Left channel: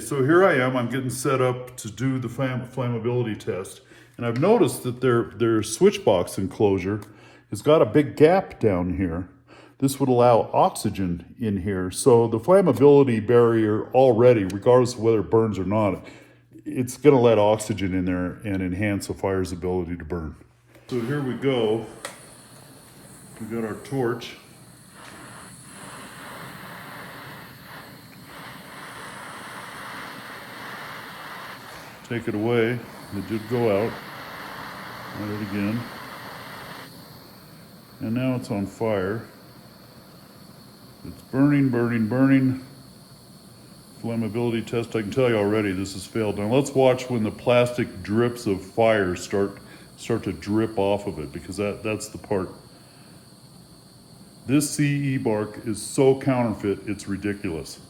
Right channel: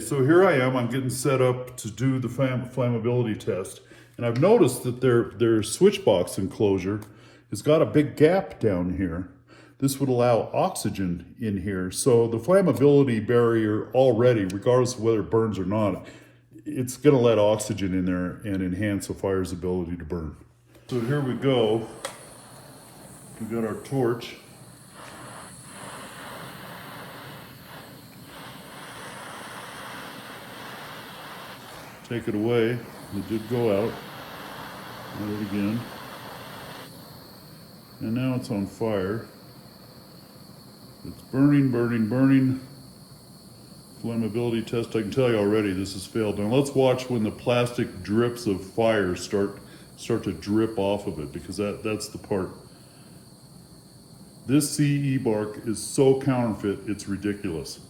So here I am, I'm getting set up to do the flammability test. And I've noticed that their switch box enclosure has got a big gap down here. This would allow oxygen in here. So the flammability barrier already, regardless of whether it burns or not, it's gonna let oxygen in there and enhance a fire's ability to burn. So here we go. We got our torch. Take it away. It did go out. Light it again. And now it's on fire. It's burning, burning, burning. Flammability test, I can tell you already this has failed. Now let's watch when the plastic drips of fire start to drip off of it, because that's the part. This CE bark is so counterfeit, it's ridiculous.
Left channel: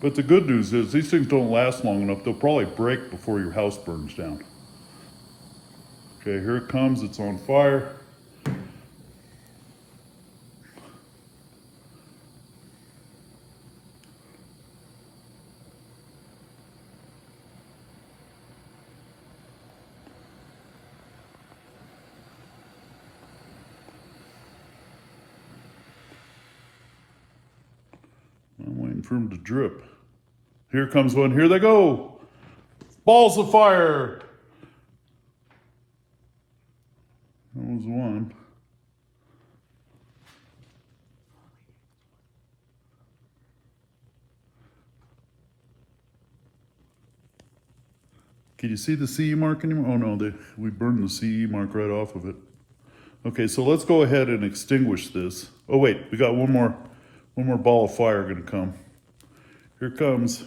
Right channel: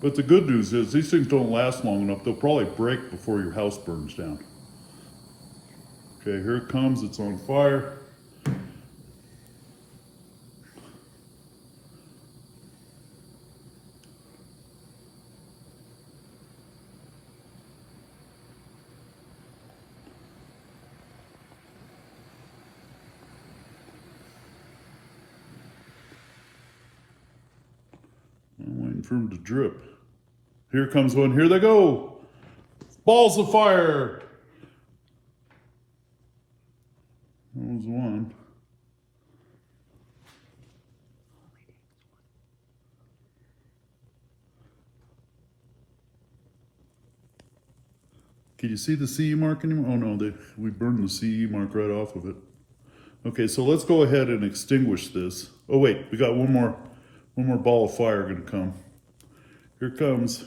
But the good news is these things don't last long enough. They'll probably break before your house burns down. Okay, here it comes, it's on fire. I'm waiting for them to drip. Here comes one, here they go. Balls of fire. That was one. Can you see the CE mark anymore? Oh no, we burned the CE mark right off of it. Okay, so let's go ahead and extinguish this. Oh wait, we got one more ball of fire gonna come. Here it comes.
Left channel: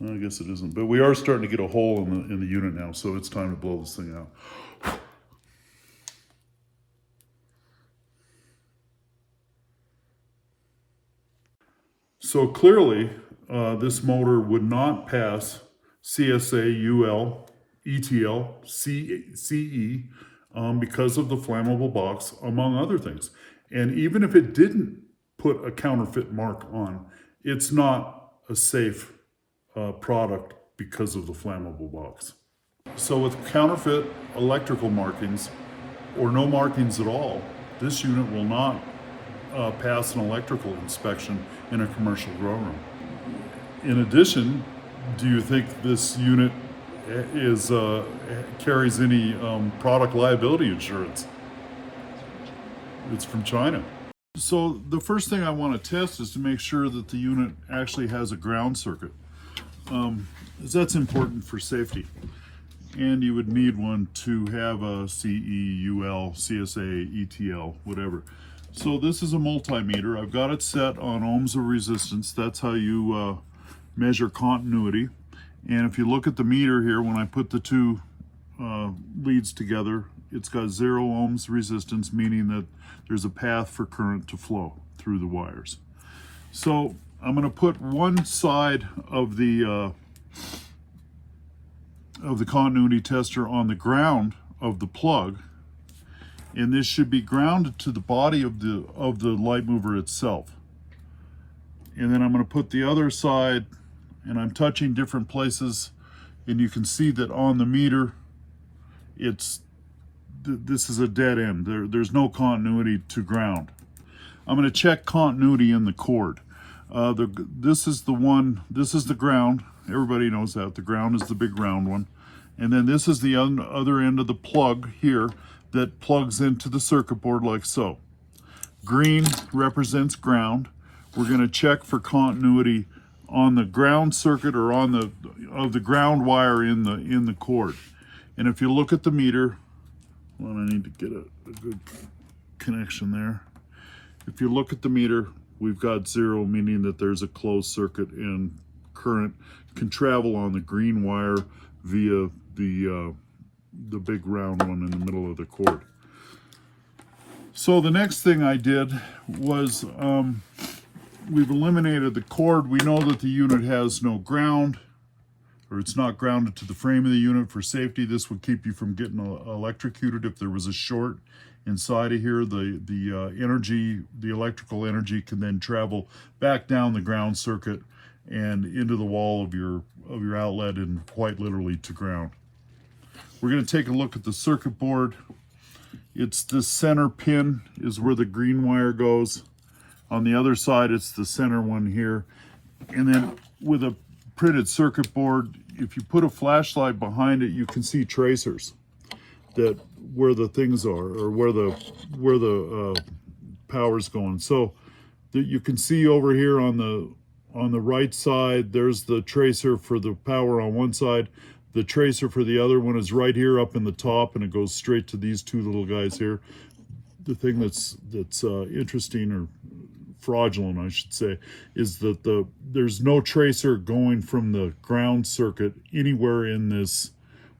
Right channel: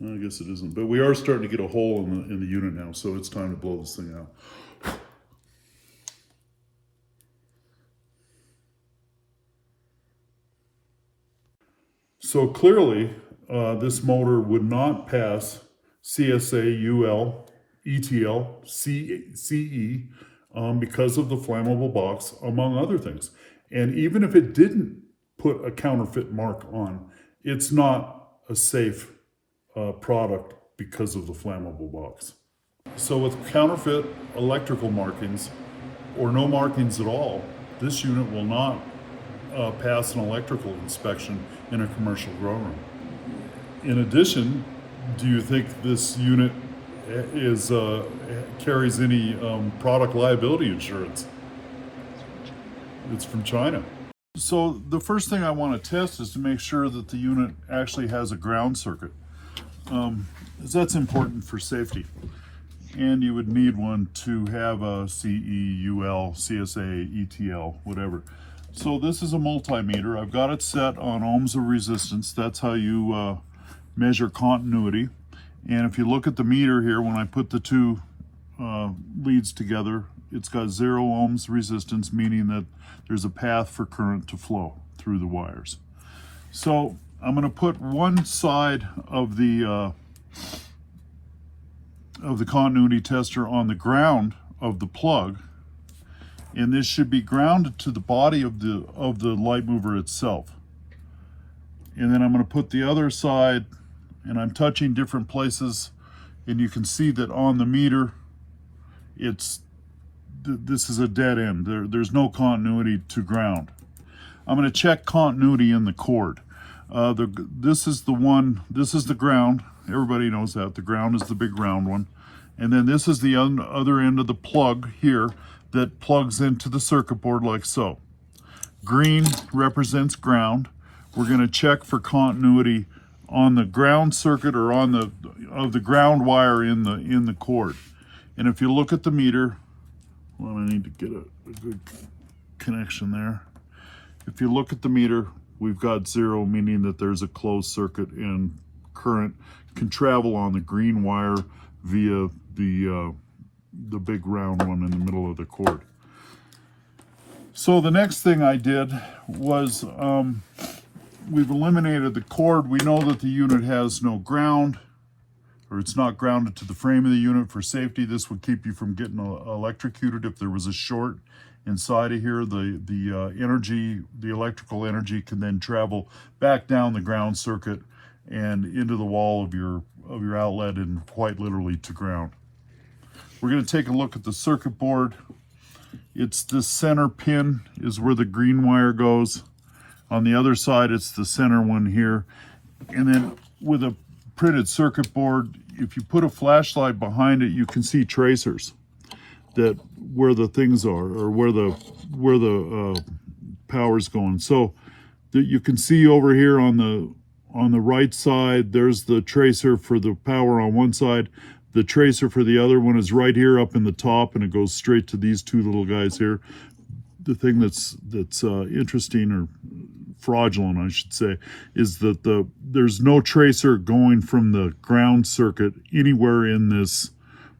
I guess it isn't, but we are starting to get a hole in the unit now, so it's time to blow this thing out. So clearly, this motor would not pass CSA UL, ETL, CE because of the flammable box, among other things. And even if it didn't put a counterfeit mark on, it's not a safe product because of the flammable box. So with counterfeit electrical markings, or no markings at all, this unit will not pass an electrical inspection in a commercial grow room. In addition, do you think this unit carries any product liability insurance? It's from China. So the first thing I want to test is to make sure that the unit actually has a ground circuit. That's important for safety. And you would need one to have a CE, UL, CSA, ETL, whatever. So this is a multimeter. I've got it set on ohms of resistance. That's how you measure continuity. And if you look at the meter here, when I put the two leads together, it's got 0 ohms resistance, meaning that there's a path for current to flow through the wires. So I'm going to put one side of the continuity tester on the ground of the plug, and this should be grounded to the body of the light mover itself. And then I'm going to put the other side, and I'm touching different places, and you can see that on the meter, this is a dead end. There's no continuity to ground. I'm going to check continuity in the cord. This is the ground. Everybody knows that. The ground is the big round one. And then this is the other end of the plug here that plugs into the circuit board like so. Green represents ground. We're going to check for continuity on the ground circuit or on the ground wire in the cord. And if you look at the meter, well, I need to get a good connection there. If you look at the meter, we've got 0, meaning that there's a closed circuit and current can travel on the green wire via the big round one in the middle of the cord. So the next thing I did was we've eliminated the cord. We know that the unit has no ground, or it's not grounded to the frame of the unit for safety. This would keep you from getting electrocuted if there was a short inside of here. The energy, the electrical energy, can then travel back down the ground circuit and into the wall of your outlet, and quite literally to ground. We're going to take a look at the circuit board. It's the center pin is where the green wire goes. On the other side, it's the center one here. And then with a printed circuit board, if you put a flashlight behind it, you can see tracers that where the things are, or where the power's going. So that you can see over here on the right side, there's the tracer for the power on one side. The tracer for the other one is right here up in the top, and it goes straight to these two little guys here. The thing that's interesting, or fraudulent I should say, is that there's no tracer going from the ground circuit anywhere in this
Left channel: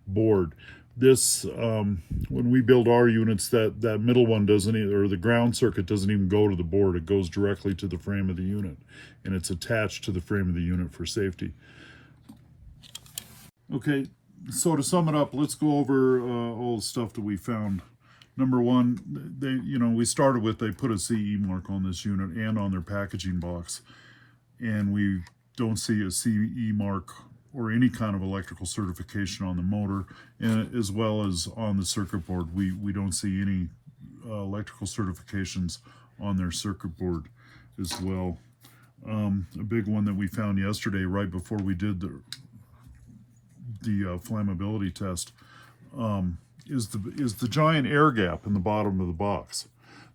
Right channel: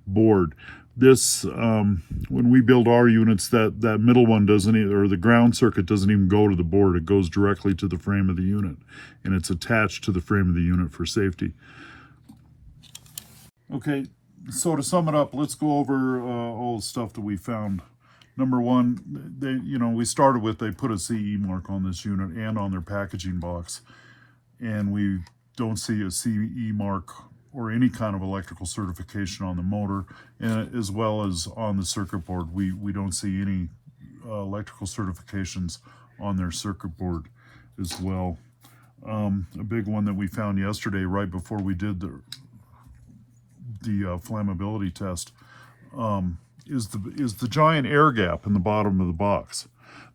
board. This when we build our units, that middle one doesn't either, or the ground circuit doesn't even go to the board. It goes directly to the frame of the unit, and it's attached to the frame of the unit for safety. Okay, so to sum it up, let's go over all the stuff that we found. Number one, we started with, they put a CE mark on this unit and on their packaging box, and we don't see a CE mark or any kind of electrical certification on the motor, and as well as on the circuit board. We don't see any electrical certifications on their circuit board as well. A big one that we found yesterday, right before we did the flammability test, is the giant air gap in the bottom of the box.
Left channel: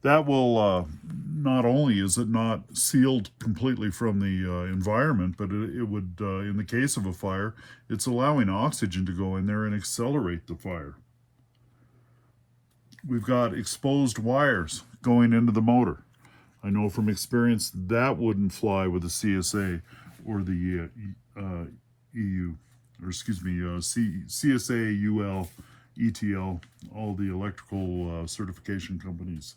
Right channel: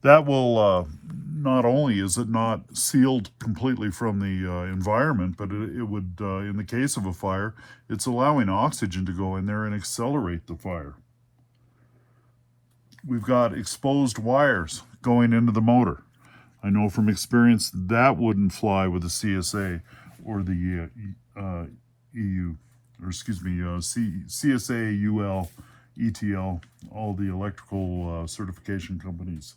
That will not only is it not sealed completely from the environment, but it would, in the case of a fire, it's allowing oxygen to go in there and accelerate the fire. We've got exposed wires going into the motor. I know from experience that wouldn't fly with the CSA or the EU, or excuse me, CSA UL, ETL, all the electrical certification companies.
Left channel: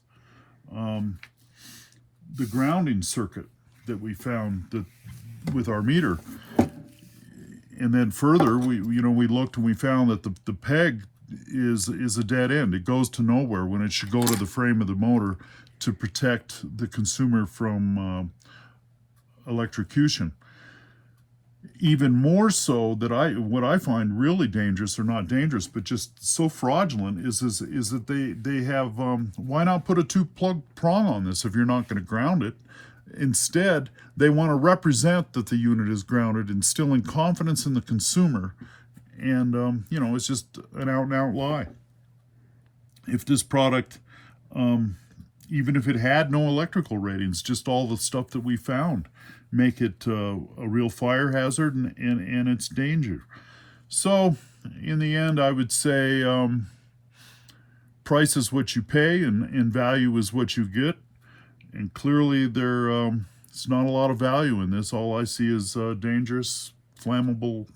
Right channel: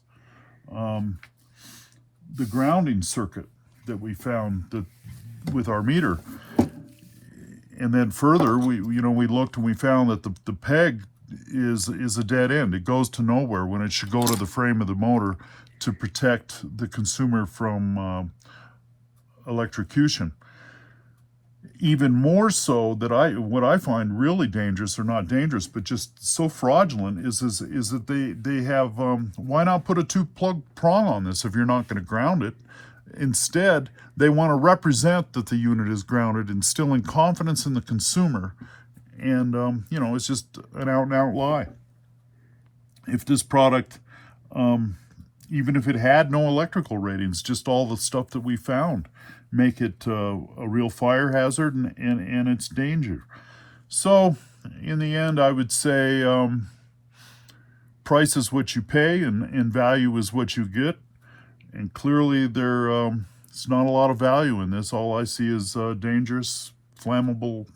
The grounding circuit that we found with our meter, and then further we looked and we found that the peg is a dead end. It goes to nowhere when it should go to the frame of the motor to protect the consumer from electrocution. Even more so, that what I find really dangerous, or not dangerous, but just so fraudulent, is that they have, why not put a 2-plug prong on this if you're not going to ground it? Instead, they want to represent that the unit is grounded, instilling confidence in the consumer, and it's just an out-and-out lie. If this product, even if it had no electrical ratings, just all the stuff that we found, make it a real fire hazard and its danger. So in the end, I would say price is what you pay, and value is what you get. And clearly there's not a lot of value in this. All I see is dangerous, flammable,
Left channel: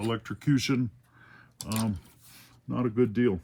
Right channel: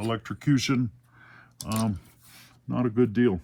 electrocution. Not a good deal.